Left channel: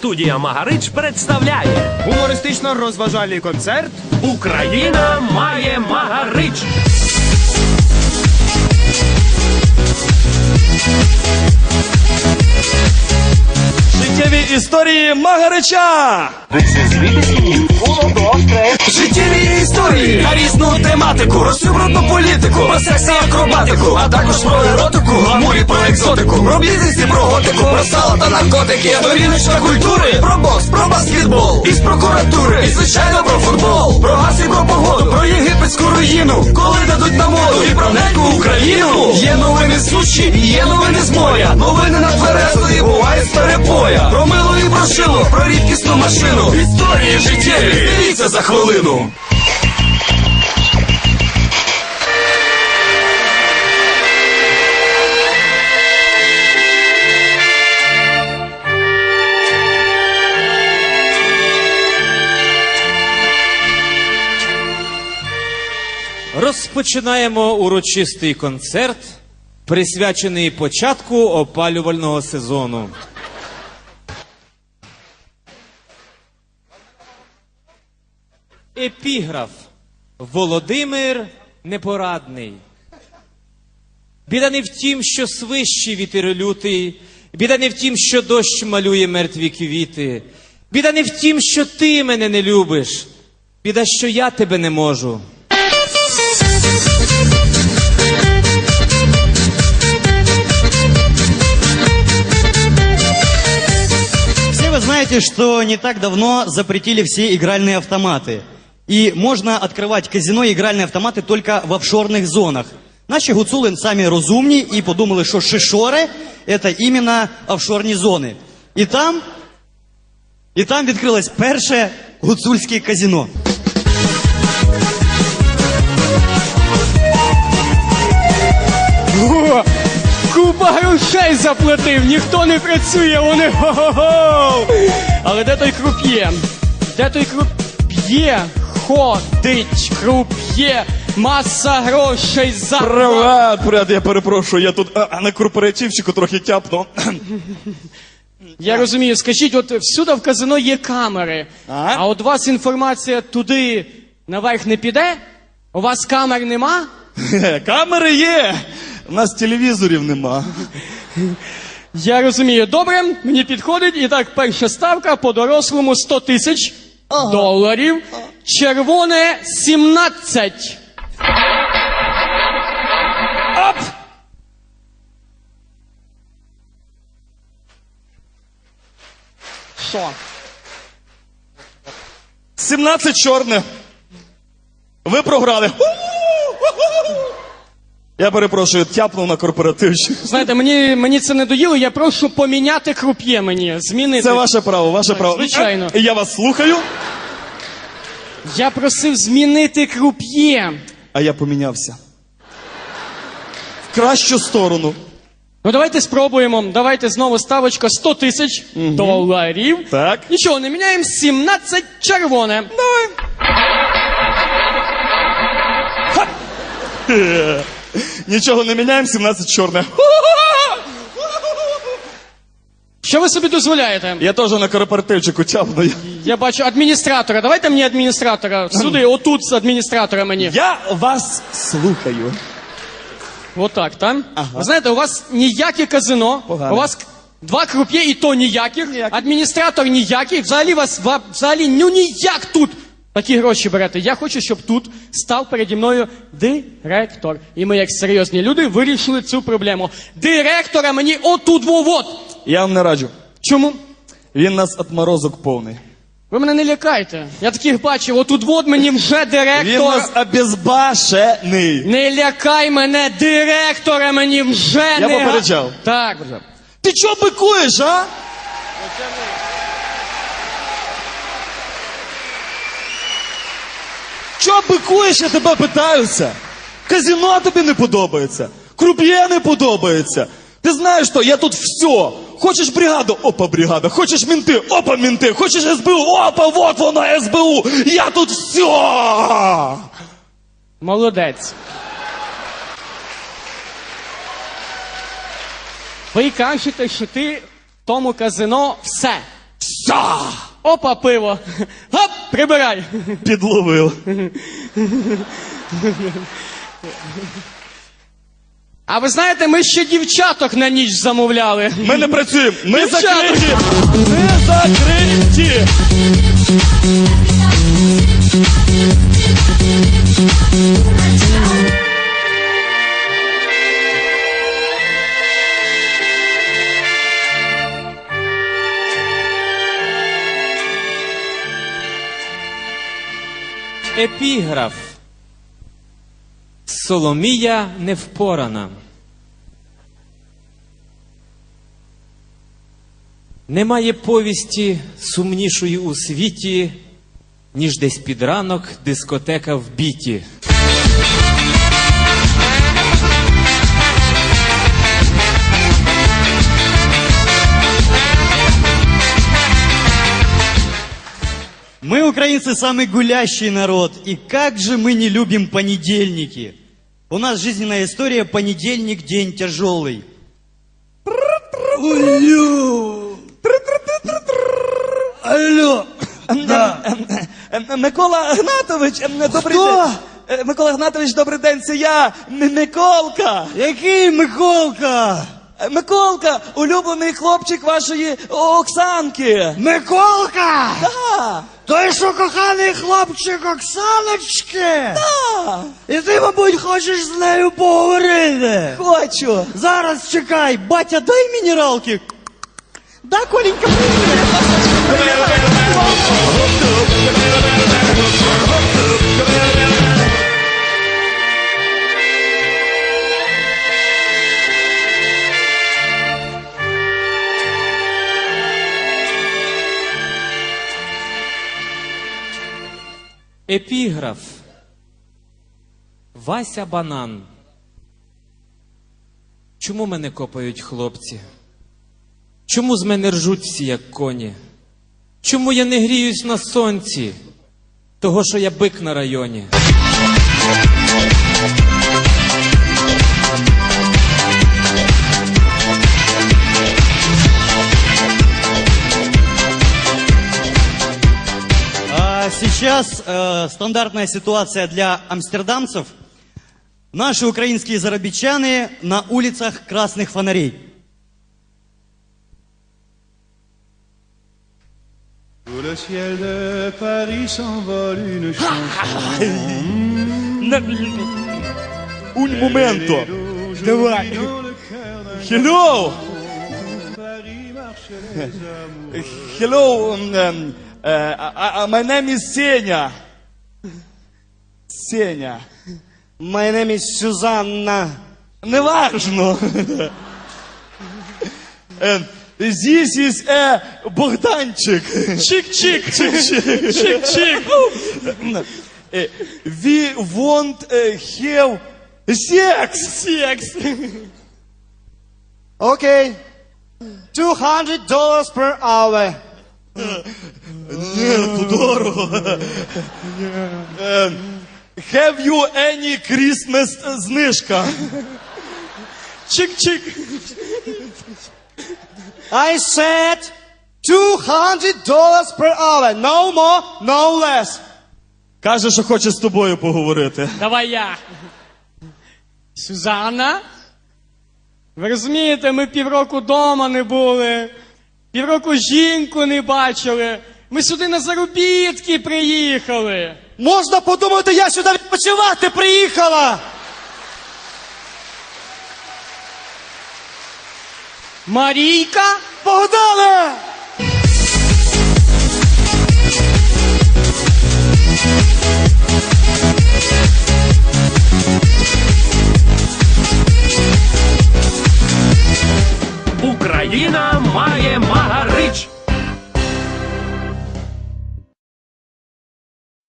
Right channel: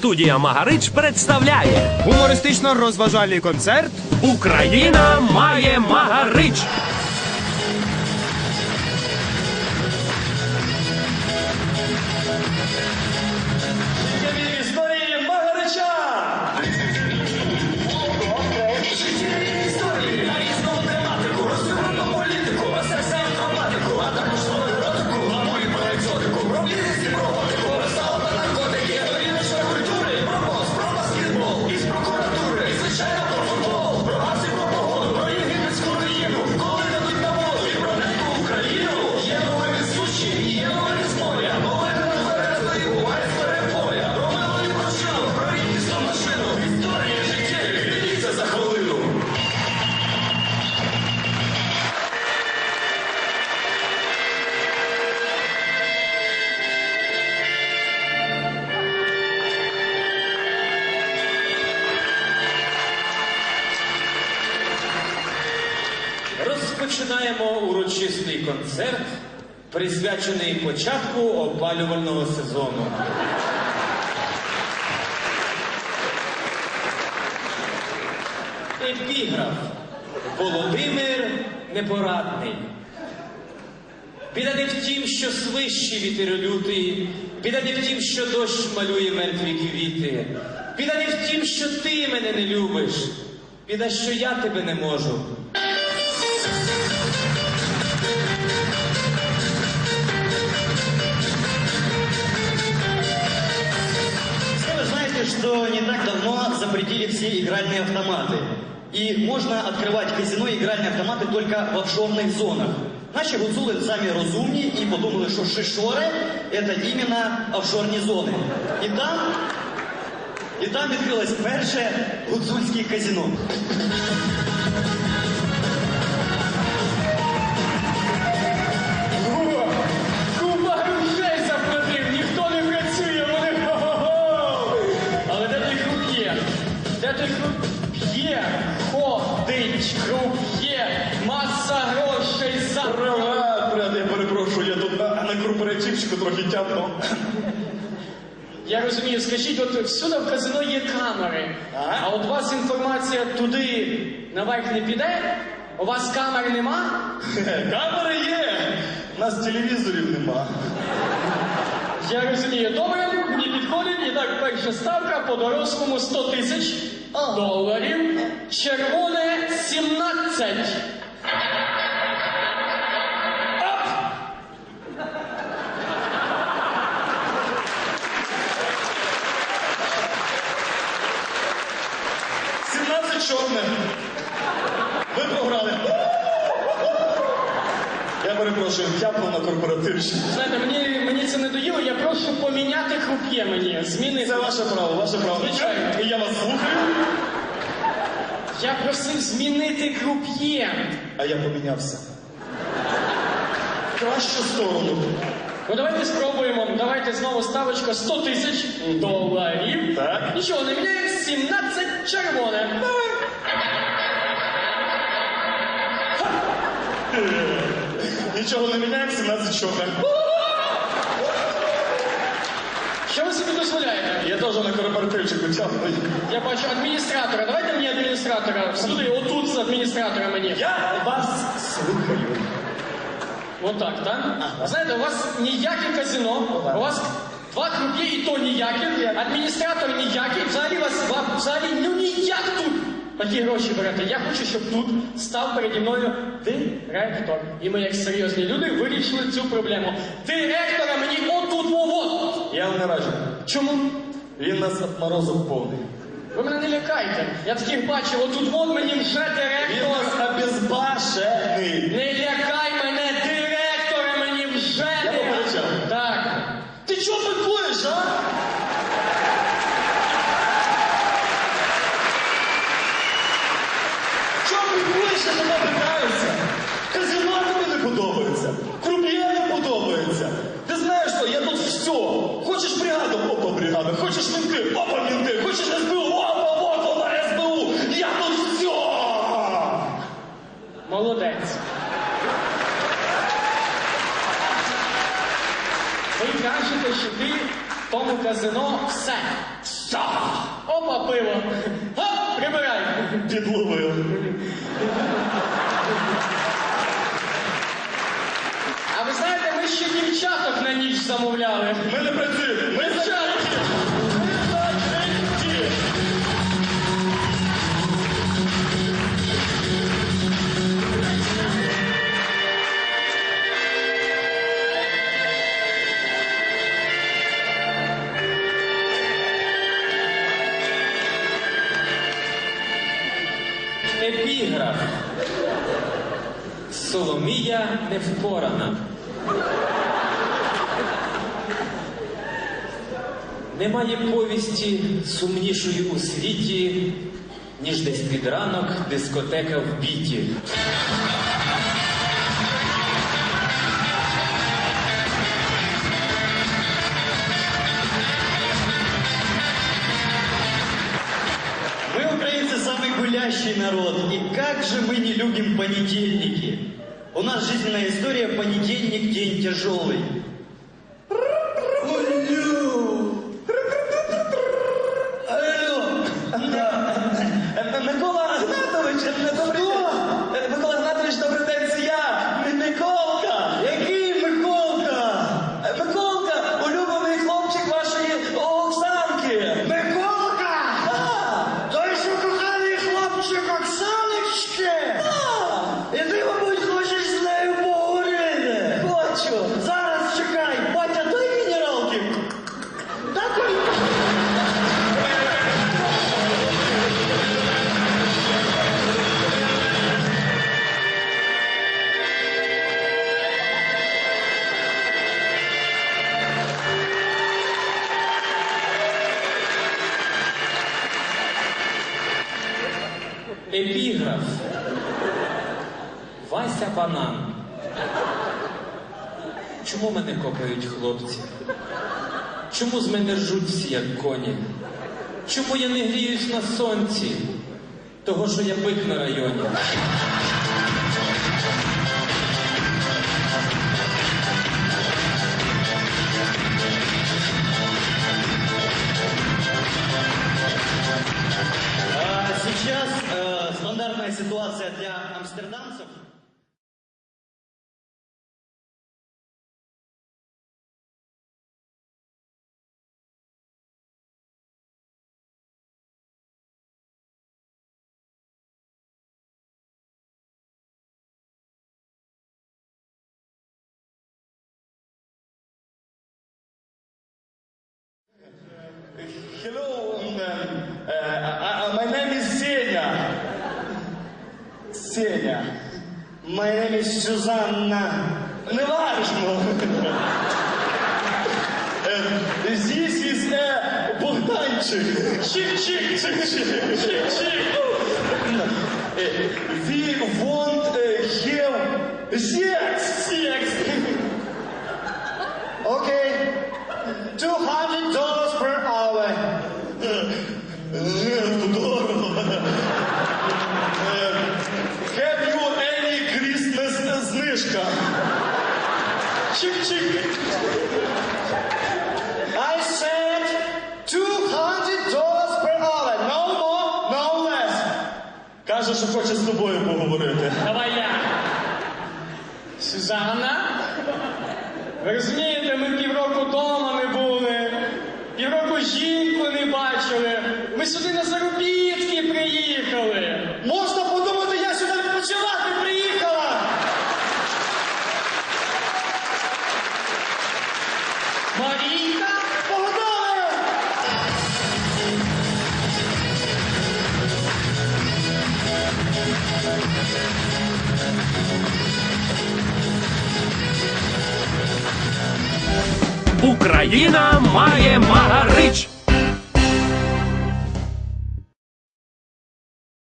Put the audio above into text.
Студія Магарич представляє Гумористично-розважальний концерт Україна має Магарич. Життєві історії Магарича! Життєві тематику, розсюбрудну політику, про секс і акробатику, а також про еротику, гламур і про екзотику, про бізнес і про готику, про сало та наркотики, сторіночка культури, про бокс, про баскетбол, із прокуратури, і звичайно про футбол, про газ і про погоду, про єгипетську руїну, коли дадуть на моду, і про неньку Україну. Є новини з суші, є новини з моря, новини на тверезо і буває з перепоя. Про мило і про шило, про рідкісну машину, історії життєві, дивіться за хвилину. Розпочинаємо урочистий концерт, присвячений початку опалювального сезону. Епіграф Володимир Непорадний. Біда не в тім, що свищий вітер лютий, біда не в тім, що дощ малює мертві квіти. Біда не в тім, що ти мене не любиш. Біда, що я тебе не можу. знаете, что не так давно запретили все игральные автоматы. И можно открывать казино и игральные автоматы только в офшорных зонах. Наші гуцули самі розумні і подумали, що шишори – це іменно офшорні зони. І там, і там відкрилось перше гуцульське казино. Грошей заплатив, ніхто не працює, вони го-го-го. Але де той круп'є? Де той круп'є? Ходить круп'є, маса грошей за. Привет, привет, я перепрошую, я тут а, на корпоративчику трохи тяпнув. Я розумію, скажіть, от всюди в казино є камери, А? а от у вас інформація туди наверх не піде? У вас камер нема? Камери є! У нас телевізорів нема. Я розумію. Добре, мені підходить. І так, перша ставка по дорослому 100 тисяч доларів. Червоне 17. Оп! Що? 17 чорне. Ви програли. Я перепрошую, тяпнув на корпоративчик. Знаєте, мені, мені це не доїло, я прошу поміняти круп'є мені, змінити. Це ваше право, ваше право. Звичайно. І я вас слухаю, Я просив змінити круп'є. а я помінявся. В кращу сторону. Ну давайте спробуємо. Давайте знову ставочка 100 тисяч доларів. Так. Нічого, не міняємо 17 червоне. Давай. Нічого не міняємо, 17 чорне. Що ви собі дозволяєте? Я теж на корпоративчику тяпну. Я бачу адміністратора. Давайте мені адміністратора. Сюди, отут з адміністратора мені. Я вас слухаю. Отак, так? Ви знаєте, у вас ніяке казино, у вас два круп'є і то ніякі, адміністратор ніякий, взагалі вас ва- взагалі ну ніяк тут такі гроші берете. Я хочу, щоб тут став переді мною директор. І ми, як серйозні люди, вирішили цю проблему. Директора мені отут во-вот. Я вам не раджу. Чому? Він нас отморозок повний. Ви мене не лякайте. Я таких бачив, отут вот мені вже Він директор. нас обезбашений. Не лякай мене, директора мені вже Я не... попереджав. Так. Ти чого бикуєш, а? Чого бикуєш, я тебе питаюся? Казино тобі не подобається, круп'є не подобається. Ти знаєш що, я тут все. Хочеш бригаду? Опа, бригада. Хочеш мінти? Опа, мінти. Хочеш СБУ? Опа, вот вона СБУ. Я тут все. Молодець. Ви кажете, що ти в тому казино все. Все. Опа, пиво. Гоп, прибирай. Підловив. А ви знаєте, ми ще дівчаток на ніч замовляли. Ми не працюємо. Ми Дівчата. закриті. Ми закриті. Епіграф. Соломія невпорана. Немає повісті сумнішої у світі, ніж десь під ранок дискотека в біті. Украинцы, самый гулящий народ. И как же мы не любим понедельники. У нас жизненная история «Понедельник – день тяжелый». Алло. Микола Гнатович, добрий день. Е, Микола Гнатович, добрий день, це я, М- Миколка. Який Миколка? Е, Миколка, улюблений хлопчик вашої Оксанки. Миколка! Так, Той, що коханий хлопчик Оксаночки? так, І ти, мабуть, хочеш з нею поговорити. хочу. Зараз чекай, батя, дай мінералки. Да, Коленька? Епіграф. Вася банан. Чому мене копають хлопці? Чому з мене ржуть всі, як коні? Чому я не гріюсь на сонці? Того, що я бик на районі. сейчас э, стандартная ситуация для амстердамцев. Наши украинские зарабичаны на улицах красных фонарей. Sous le ciel de Paris s'envole une chanson. Un momento. Давай. Dans le cœur d'un Hello. Hello, um, um, uh, uh, my name is Сеня. Сеня. My name is Сюзанна. Неважно. Е, This is a Богданчик. Чик-чик. Чик-чик. Чик-чик. Е, We want uh, have sex. Sex. Окей. 200 dollars per hour. Ні, дорого. Е, Have you any Christmas знижка? Чик-чик. I said 200 dollars per hour. No more, no less. Каже, що хоче з тобою поговорити. Давай я. Сюзанна? Ви розумієте, ми півроку вдома не були. Півроку жінку не бачили. Ми сюди на заробітки приїхали. Можна подумати, я сюди відпочивати приїхала. Марійка? Погнали! Україна має Магарич.